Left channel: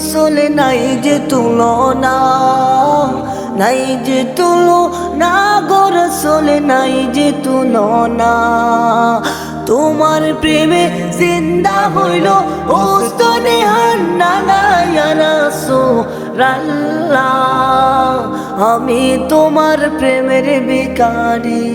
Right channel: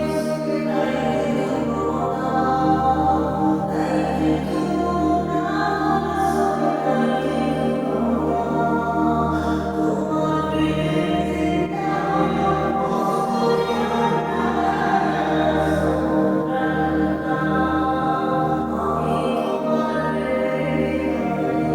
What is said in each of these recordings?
গোরসল নাই যে তুলনা, নাই যে তুলো না গর গোরসল নাই যে তুলনা। তোমার প্রেমে জিন্দা হইল ওস্তনে রাল্লা। আমি তোমার প্রেমের বিকারি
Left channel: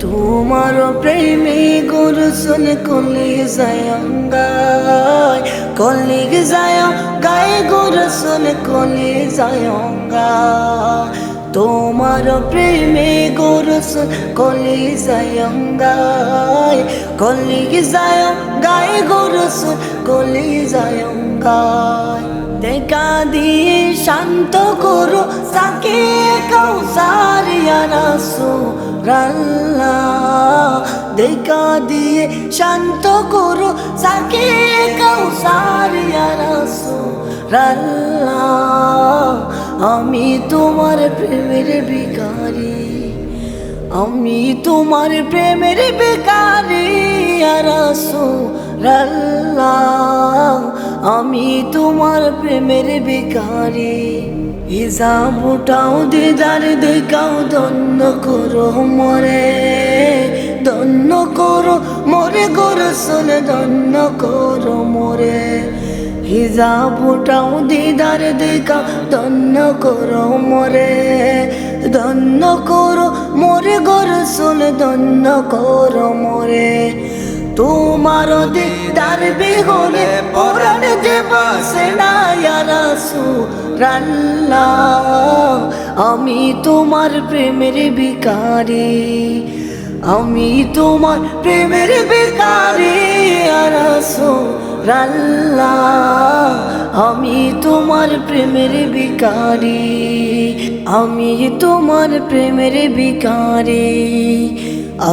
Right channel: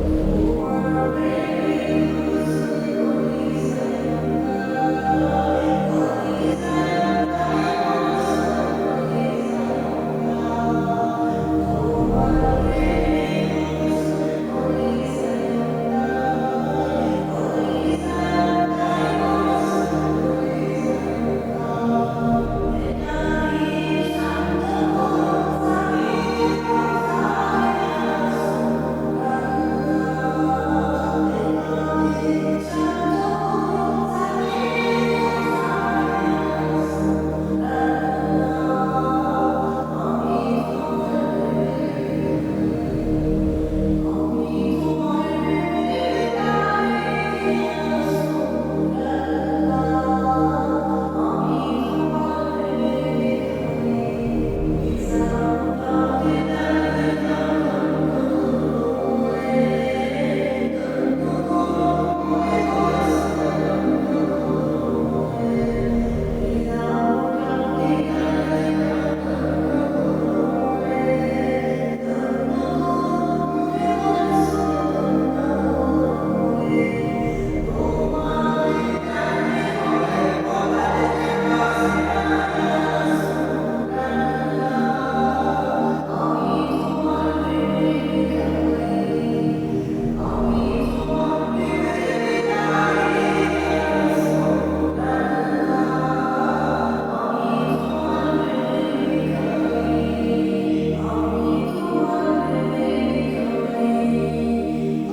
তোমার প্রেমে গুরুসুন কলি যায়ঙ্গায় কলি যায় গায়ে গুরুসুন কলি যায়ঙ্গায় তোমার প্রেমে গুরুসুন কলি যায়ঙ্গায় কলি যায় গায়ে গুরুসুন কলি যায়ঙ্গায় দেখা দিয়ে শান্ত করো সাকে কৌসার রাল্লাহ দেখা দিয়ে শান্ত করো সাকে আমি তোমার প্রেমের বিকারি আমি তোমার প্রেমের বেকারি আমি তোমার প্রেমের বেকারি হিসাবটাও দিদার, দেখাও দন্য করো মরে দন্য করো মরে করো শোনে দন্য করো হিসাবটাও দিদার দেখা ধন্য করো মরে দন্য করো মরে শোনে দন্য করো মরে। তোমার দিদার বিহনে পরাণ যে বাসে না আমি তোমার প্রেমের বিকারি আমি তোমার প্রেমের বিকারি রাল্লাহ আমি তোমার প্রেমের বিকারি, আমি তোমার প্রেমের বিকারি,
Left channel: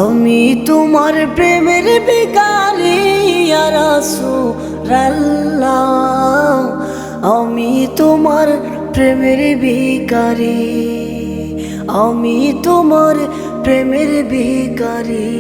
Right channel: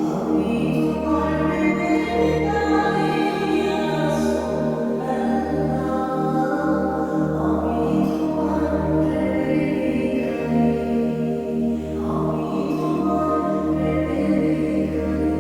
আমি তোমার প্রেমের বিকারি রাল্লাহ আমি তোমার প্রেমের বিকারি, আমি তোমার প্রেমের বিকারি।